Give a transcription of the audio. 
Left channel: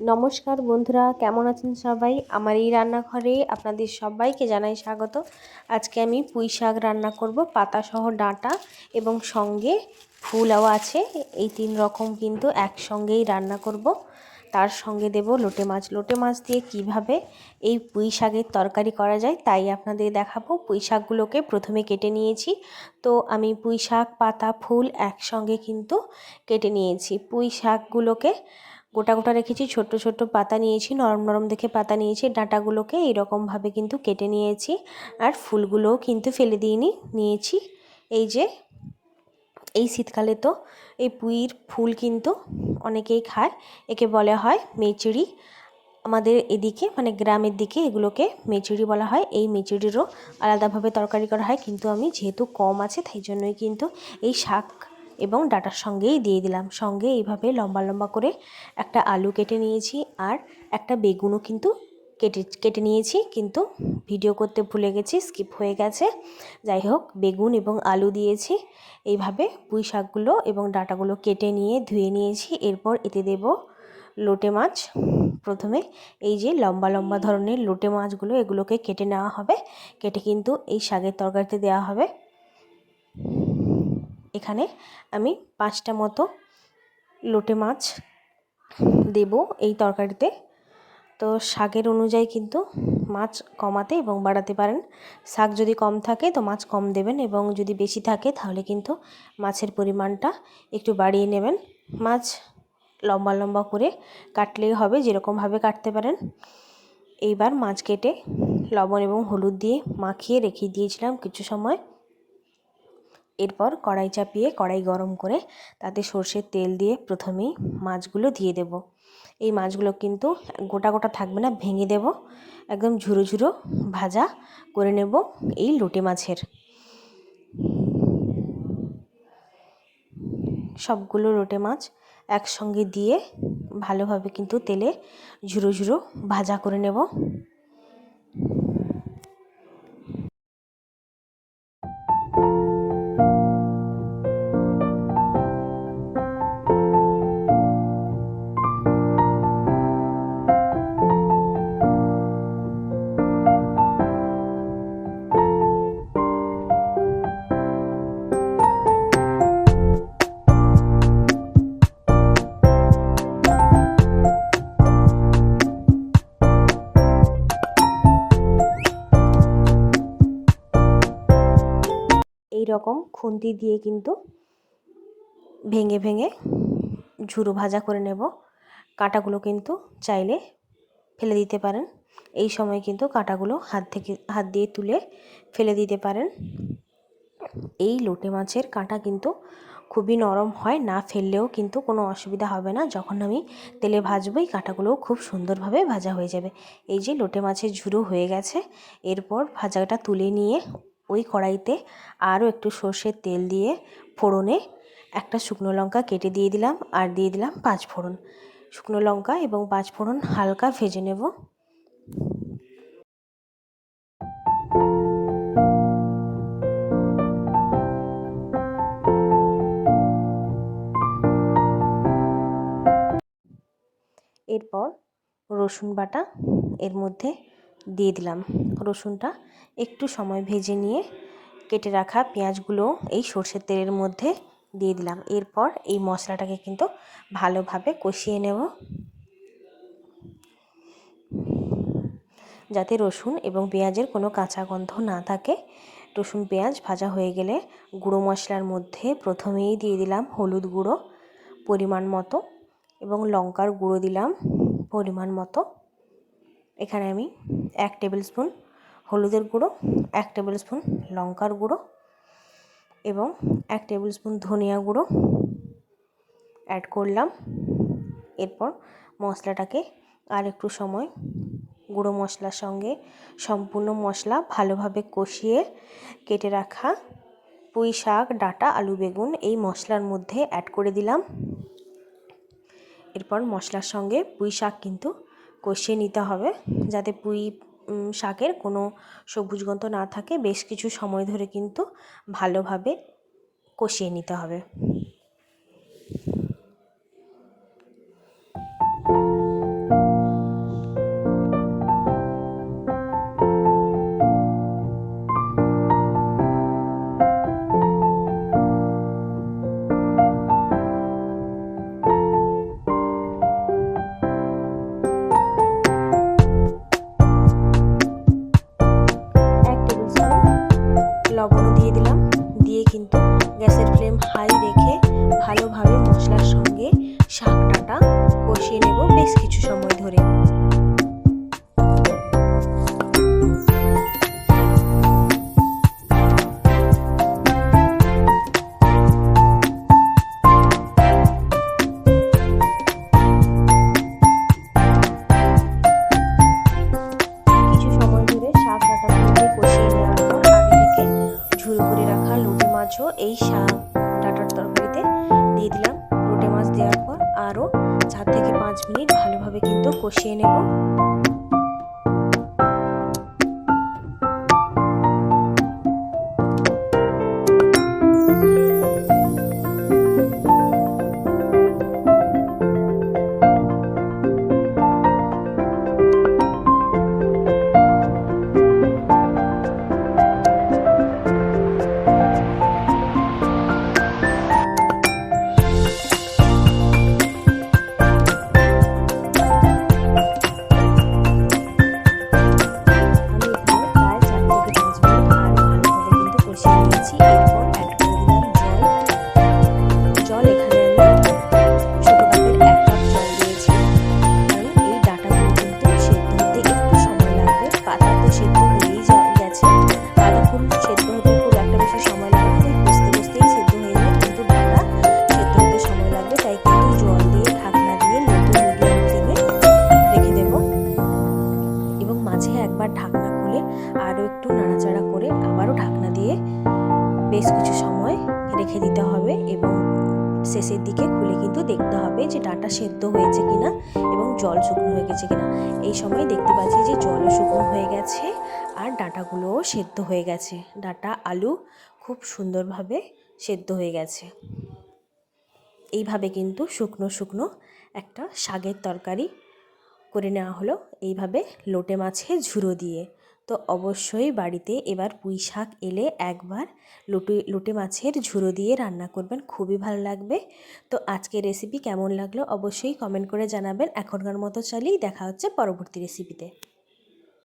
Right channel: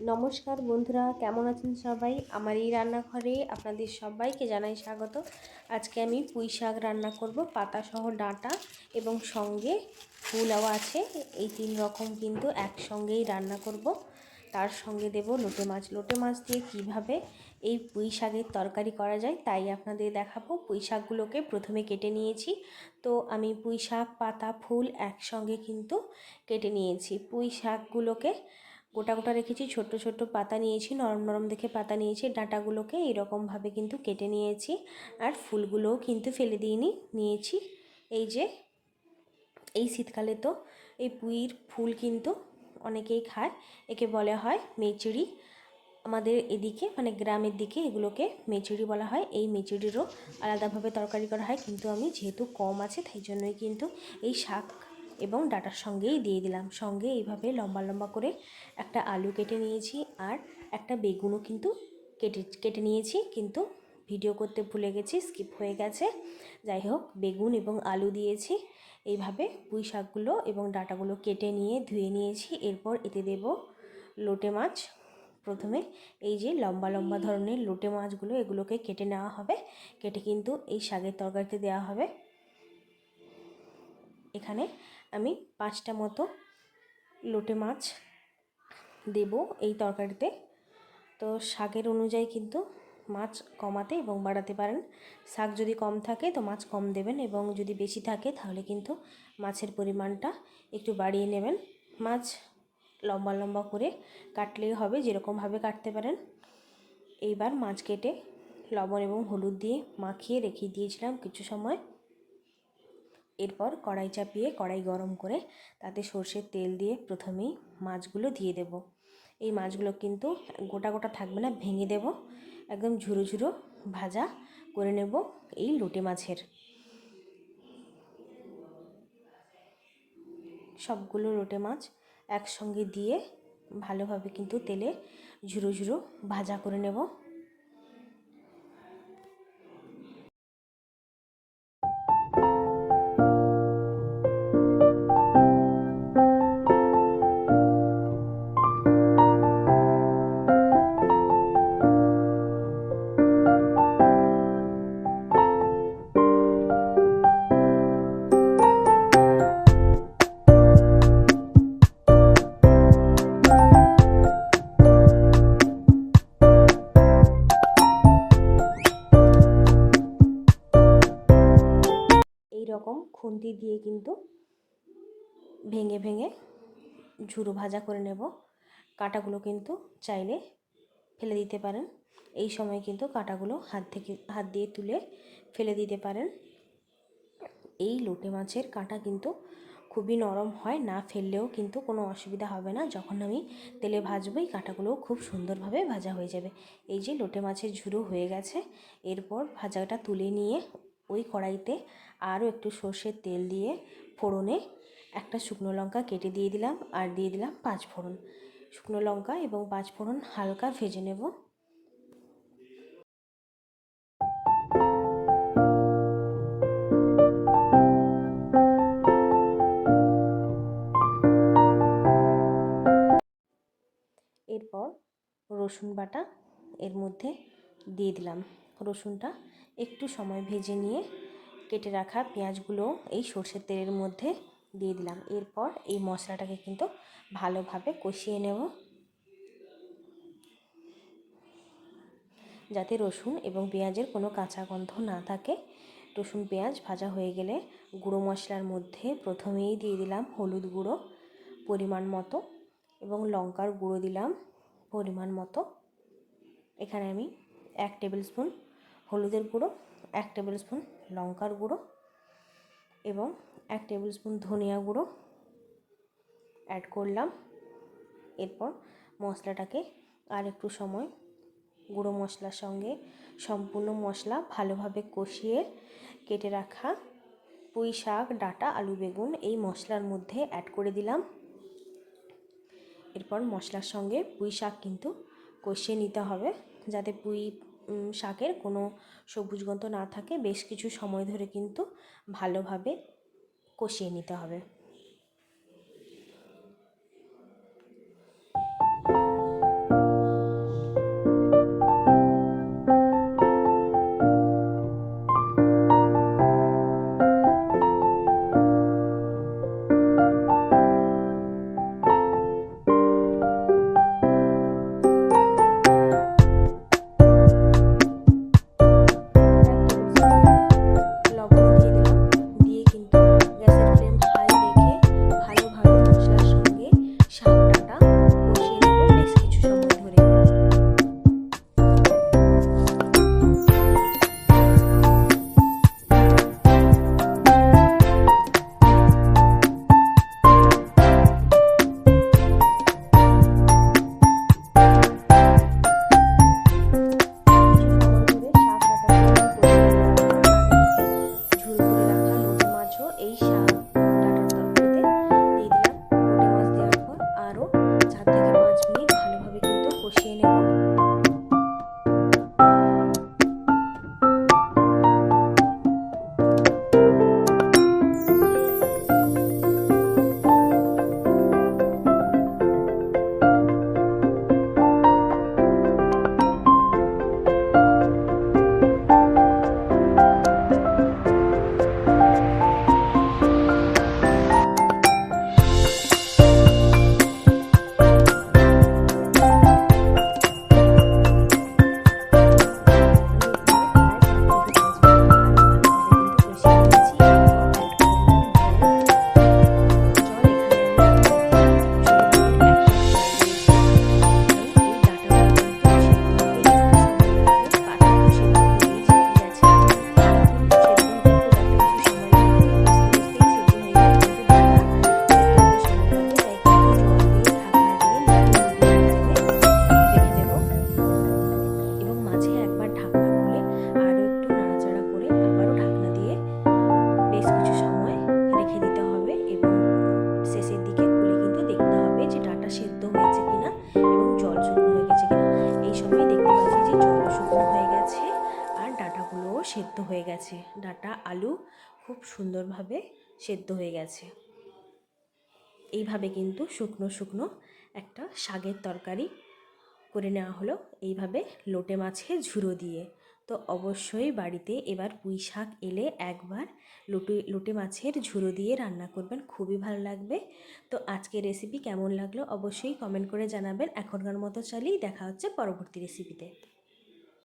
নমস্কার বন্ধুরা, কেমন আছেন সবাই? আমার এই রান্নাঘরে আপনাদের সবাইকে জানাই স্বাগত। আজকে আমি পুঁই শাক রান্না করব, পাতাসহ ডাঁটা এবং সঙ্গে ফুলাও আছে। এই তিন রকম কিন্তু একসঙ্গেই রান্না করব। তার সঙ্গে দেব লোটে মাছ। লোটে মাছ দিয়ে কীভাবে এই পুঁই শাকের তরকারি করা যায় তাই আপনাদের দেখাবো। পুঁই শাকগুলোকে প্রথমে কেটে নিয়েছি। তো আমি পুঁই শাক, পাতা, ফুল একসঙ্গে কিন্তু কেটে নিয়েছি। পুঁই শাকগুলোকে গোটা গোটা রেখেছি, ছোট্ট ছোট্ট পাতা নিয়েছি, নরম নরম দেখে পাতা নিয়েছি, ডাঁটাগুলোকে এইরকমভাবে কিন্তু কেটে নিয়েছি আর ফুলগুলোও কিন্তু ফেলে দিইনি, নিয়েছি। এই যে, এই শীতকালে তো এই পুঁইর ফুল কিন্তু অনেকেই খায়, একে বলা হয় মেচুরি। আমাদের এদিকে মানে গ্রামের দিকে এগুলোকে মেচুরি বলা হয়, এই মেচুরিরও আলাদাভাবে তরকারি করা হয়, কিন্তু আমি যেহেতু কম আছে, তাই জন্যই কিন্তু এই শাক এবং ডাটার সঙ্গেই দিয়ে দিলাম। সঙ্গে এইভাবে লম্বা লম্বা করে একটা আলু কেটে নিয়েছি আর একটা বেগুনও কিন্তু কেটে কেটে নিয়েছি। কিন্তু ভিডিও করতে ভুলে গেছি, স্কিপ হয়ে গেছে। যাই হোক, বেগুন এবং আলু দিয়েছি। এইভাবে পুঁই শাকগুলো এবং ডাটাগুলো কেটে নিয়ে ধুয়ে নিয়েছি। এরপর এতে দেব লোটে মাছ। প্রথমে এই যে লম্বা লম্বা ধরনের লোটে মাছগুলো এগুলোকে কেটে নেওয়া হবে। কেটে কিন্তু এই শাকের তরকারিতে দেওয়া হবে। এখানে আমি পাঁচটা মতো লোটে মাছ দেব এই তরকারিতে। তো শাকের অনুযায়ী কিন্তু মাছ কমাতে এবং বাড়াতে পারেন। শাক যদি কম থাকে তো মাছ কম দেবেন এবং যদি বেশি থাকে তাহলে কিন্তু মাছের পরিমাণটা একটু বাড়িয়ে নেবেন। মাছ লম্বা লম্বা করে কাটলেই হবে, যেরকমভাবে কাটতে পারেন। এইবার মাছ কেটে লবণ এবং হলুদ দিয়ে মাখিয়ে রেখে দিয়েছিলাম কিছু সময়। এরপর কড়াই চাপিয়ে কড়াই গরম করে তাতে সর্ষের তেল দিয়ে প্রথমেই মাছগুলো দিয়ে দেব। এই মাছগুলো কিন্তু গোটা গোটা থাকবে না, ভেঙে দেব। একদম ঝুরো ঝুরো ভাজা করে নেব এই লোটে মাছের। সবগুলো লোটে মাছ একসঙ্গে দিয়ে ভালোভাবে কিন্তু তেলে ঝুরো ঝুরো ভাজা করে নেব। খুন্তি দিয়ে কিন্তু ভেঙে ভেঙে ঝুরো ভাজা করে নেব। কাঁটাগুলো কিন্তু চাইলে ফেলে দিতে পারেন। এই সময় কিন্তু কাঁটাগুলো হাত থেকে, হাত দিয়ে তুলে ফেলে দিতে পারেন। এই লোটে মাছের কাঁটা কিন্তু খুবই নরম হয়, না ফেললেও কিন্তু কোনো অসুবিধা হবে না। যখন আমি তেলে ভাজবো এই কাঁটাগুলোও খুব সুন্দরভাবে ভাজা হয়ে যাবে। এই যে লোটে মাছের ঝুরো হয়ে গেছে, এরপর ভাজাটা তুলে নিয়ে ওই কড়াইতে আরও একটু সর্ষের তেল দিয়ে ফোড়নে একটা শুকনো লঙ্কা কেটে দিয়ে দিলাম আর দিয়ে দিলাম পাঁচ ফোড়ন। শুকনো লঙ্কা এবং পাঁচ ফোড়ন হালকা ভেজে নেব। এরপর রসুন বাটা এর মধ্যে দিয়ে দিলাম। রসুনটা একটু সময় ভেজে নিয়ে কেটে রাখা পেঁয়াজগুলো এই সর্ষের তেলের মধ্যে দিয়ে দিলাম। এরপর এই মশলাটাকে কিন্তু ভালোভাবে কষিয়ে নেব। যাতে রসুন এবং পেঁয়াজের কোনো কাঁচা গন্ধ না থাকে। রসুন, পেঁয়াজ ভাজা হয়ে গেলে গুঁড়ো মশলার মধ্যে প্রথমেই দিয়ে দিলাম হলুদ গুঁড়ো পরিমাণ মতো এবং লঙ্কার গুঁড়ো দিলাম পরিমাণ মতো। এখানে আমি এক টেবিল স্পুন হলুদের গুঁড়ো, এক টেবিল স্পুন লঙ্কার গুঁড়ো এবং এক টেবিল স্পুন ধনিয়া গুঁড়ো অ্যাড করলাম। এরপর মশলাটাকে আর একটু সময় গুঁড়ো মশলার সঙ্গে সম্পূর্ণ মশলা ভালোভাবে কষিয়ে কেটে রাখা পুঁই শাক, ডাটা, আলু, বেগুন এই মশলার মধ্যে অ্যাড করে দিলাম। এরপর মশলার সঙ্গে পুঁই শাক কিন্তু কষিয়ে নিতে হবে যাতে পুঁই শাকের কোনো সবুজ গন্ধ না থাকে, বেশ কিছু সময় ধরে কিন্তু ভালোভাবে কষিয়ে নিতে হবে। এই ডাটার তরকারিতে দিয়ে দিলাম। রোটে মাছ দেওয়ার পর আরও চার থেকে পাঁচ মিনিট ভালোভাবে কিন্তু কষিয়ে নেব। যে ডাটা সেদ্ধ হয়েছে কিনা এবং জল শুকনো হয়ে গেছে কিনা। এই সময় দেখতে পাচ্ছি যে জল শুকনো হয়ে গেছে আর ডাঁটাগুলোও সেদ্ধ হয়ে গেছে। ডাটা আলু খুব সুন্দরভাবে সেদ্ধ হয়ে গেছে। এইভাবে কিন্তু শুকনো শুকনো একটা শাকের তরকারি করে নেওয়া হলো। এইভাবে লোটে মাছের ঝুরো দিয়ে। তো অবশ্যই বাড়িতে এবার পুঁই শাক এলে একবার লুটে লুটে মাছের ঝুড়ো দিয়ে রান্না করবেন, খুবই ভালো লাগবে। তো আজকে রেসিপি কেমন লাগল অবশ্যই কমেন্ট করে জানাবেন। এখনকার মতো চালিয়ে দেখা হচ্ছে পরবর্তী রেসিপিতে